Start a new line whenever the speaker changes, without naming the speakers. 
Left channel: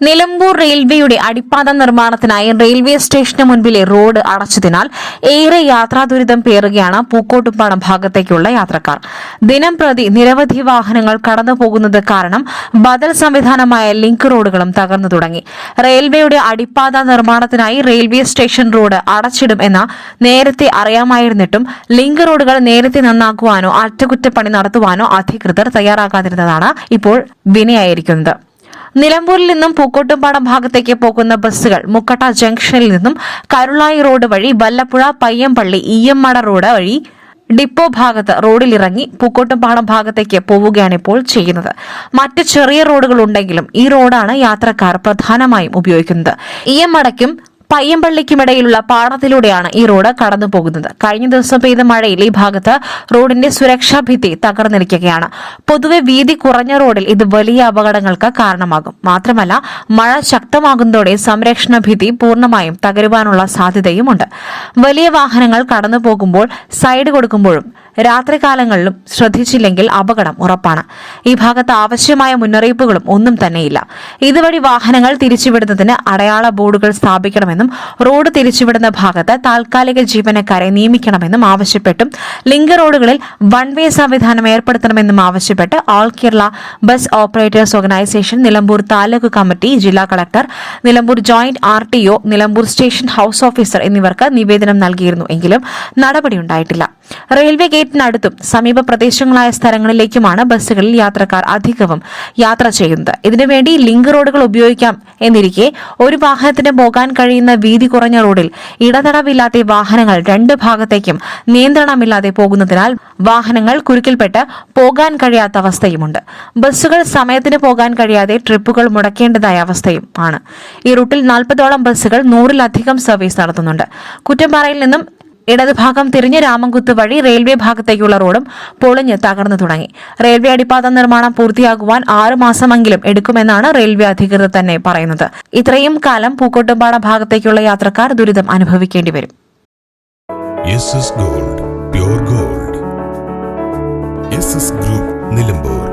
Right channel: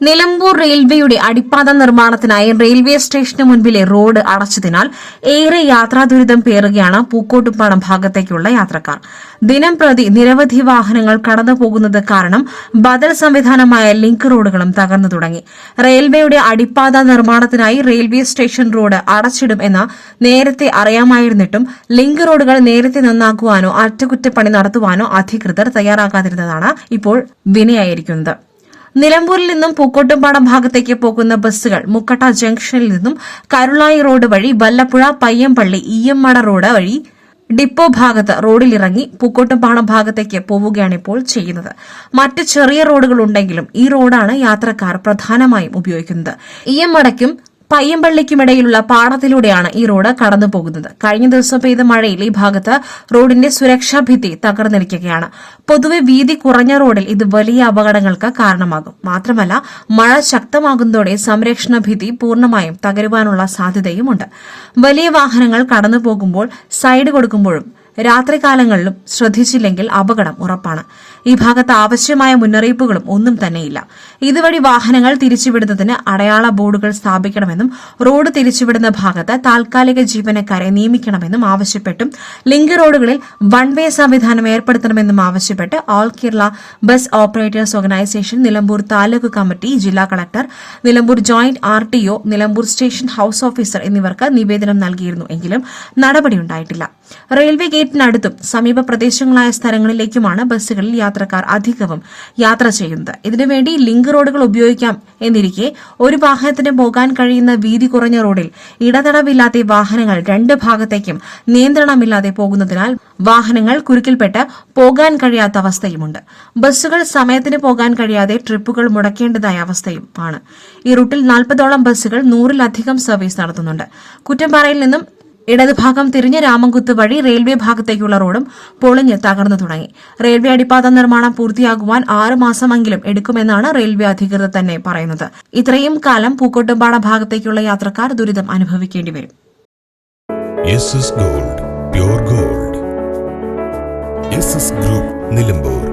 നിലമ്പൂർ റെയിൽവേയുടെ അടിപ്പാത നിർമ്മാണത്തിനായി റെയിൽവേ സ്റ്റേഷന് മുൻപിലെ റോഡ് അടച്ചതിനാൽ ഏറെ യാത്രാ ദുരിതം പേറുകയാണ് പൂക്കോട്ടുംപാടം ഭാഗത്തേക്കുള്ള യാത്രക്കാർ. ദിനം പ്രതി നിരവധി വാഹനങ്ങൾ കടന്നുപോകുന്നത് കാരണം ബദൽ സംവിധാനമായ ലിങ്ക് റോഡുകളും തകർന്നു തുടങ്ങി. റെയിൽവേയുടെ അടിപ്പാത നിർമ്മാണത്തിനായി റെയിൽവേ സ്റ്റേഷൻ റോഡ് അടച്ചിടും എന്ന നേരത്തെ അറിയാമായിരുന്നിട്ടും ലിങ്ക് റോഡുകൾ നേരത്തെ നന്നാക്കുവാനോ അറ്റകുറ്റപ്പണി നടത്തുവാനോ അധികൃതർ തയ്യാറാകാതിരുന്നതാണ് ഇപ്പോൾ വിനയായിരിക്കുന്നത്. നിലമ്പൂരിൽ നിന്നും പൂക്കോട്ടുംപാടം ഭാഗത്തേക്ക് പോകുന്ന ബസ്സുകൾ മുക്കട്ട ജംഗ്ഷനിൽ നിന്നും കരുളായി റോഡ് വഴി വല്ലപ്പുഴ പയ്യമ്പള്ളി ഈയമ്മട റോഡ് വഴി ഡിപ്പോ ഭാഗത്ത് റോഡിലിറങ്ങി പൂക്കോട്ടുംപാടം ഭാഗത്തേക്ക് പോവുകയാണ് ഇപ്പോൾ ചെയ്യുന്നത്. മറ്റ് ചെറിയ റോഡുകൾ ഉണ്ടെങ്കിലും ഈ റോഡാണ് യാത്രക്കാർ പ്രധാനമായും ഉപയോഗിക്കുന്നത്. ഈയമ്മടയ്ക്കും പയ്യമ്പള്ളിക്കുമിടയിലുള്ള പാടത്തിലൂടെയാണ് ഈ റോഡ് കടന്നു പോകുന്നത്. കഴിഞ്ഞ ദിവസം പെയ്ത മഴയിൽ ഈ ഭാഗത്ത് റോഡിന്റെ സുരക്ഷാ ഭിത്തി തകർന്നിരിക്കുകയാണ് പൊതുവെ വീതി കുറഞ്ഞ റോഡിൽ ഇത് വലിയ അപകടങ്ങൾക്ക് കാരണമാകും. മാത്രമല്ല മഴ ശക്തമാകുന്നതോടെ സംരക്ഷണ ഭിത്തി പൂർണമായും തകരുവാനുള്ള സാധ്യതയുമുണ്ട്. വലിയ വാഹനങ്ങൾ കടന്നു പോകുമ്പോൾ സൈഡ് കൊടുക്കുമ്പോഴും രാത്രികാലങ്ങളിലും ശ്രദ്ധിച്ചില്ലെങ്കിൽ അപകടം ഉറപ്പാണ്. ഈ ഭാഗത്ത് ആവശ്യമായ മുന്നറിയിപ്പുകളും ഒന്നും തന്നെയില്ല. ഇതുവഴി വാഹനങ്ങൾ തിരിച്ചുവിടുന്നതിന് അടയാള ബോർഡുകൾ സ്ഥാപിക്കണമെന്നും റോഡ് തിരിച്ചുവിടുന്ന ഭാഗത്ത് താൽക്കാലിക ജീവനക്കാരെ നിയമിക്കണമെന്നും ആവശ്യപ്പെട്ടും ലിങ്ക് റോഡുകളിൽ വൺ വേ സംവിധാനം ഏർപ്പെടുത്തണമെന്നും ആവശ്യപ്പെട്ട് all Kerala bus operators organisation Nilambur taluk committee ജില്ലാ collector Nilambur joint R T O Nilambur station house officer എന്നിവർക്ക് നിവേദനം നൽകിയിരുന്നു എങ്കിലും നടപടിയുണ്ടായിട്ടില്ല. റെയിൽവേ ഗേറ്റിനടുത്തും സമീപ പ്രദേശങ്ങളായ സ്ഥലങ്ങളിലേക്കുമാണ് ബസ്സുകളിൽ യാത്രക്കാർ അധികവും യാത്ര ചെയ്യുന്നത്. ഇതിനുവേണ്ടി ലിങ്ക് റോഡുകൾ ഉപയോഗിക്കാം എന്നിരിക്കെ ഒരു വാഹനത്തിന് പോകാൻ കഴിയുന്ന വീതി കുറഞ്ഞ റോഡിൽ ഇടതടവില്ലാത്ത വാഹനങ്ങൾ രണ്ട് ഭാഗത്തേക്കും നിയന്ത്രണമില്ലാതെ പോകുന്നതിനാൽ വാഹനങ്ങൾ കുരുക്കിൽപ്പെട്ട് പോകാൻ കഴിയാത്ത അവസ്ഥയുമുണ്ട്. ബസ്സുകൾ സമയത്തിന് പോകാൻ കഴിയാതെ ട്രിപ്പുകൾ മുടക്കേണ്ടതായ അവസ്ഥയും ആണ്. ഈ റൂട്ടിൽ നാൽപ്പതോളം ബസ്സുകൾ നൂറിലധികം സർവീസ് നടത്തുന്നുണ്ട്. കുറ്റമ്പാറയിൽ നിന്നും ഇടതുഭാഗം തിരിഞ്ഞ രാമൻകുത്ത് വഴി റെയിൽവേ ഭാഗത്തേക്കുള്ള റോഡും പൊളിഞ്ഞ് തകർന്നു തുടങ്ങി. റെയിൽവേ അടിപ്പാത നിർമ്മാണം പൂർത്തിയാകുവാൻ ആറ് മാസമെങ്കിലും എടുക്കുമെന്നാണ് റെയിൽവേ അധികൃതർ തന്നെ പറയുന്നത്. ഇത്രയും കാലം പൂക്കോട്ടുംപാട ഭാഗത്തേക്കുള്ള യാത്രക്കാർ ദുരിതം അനുഭവിക്കേണ്ടി വരും.
Gold gold group Nilambur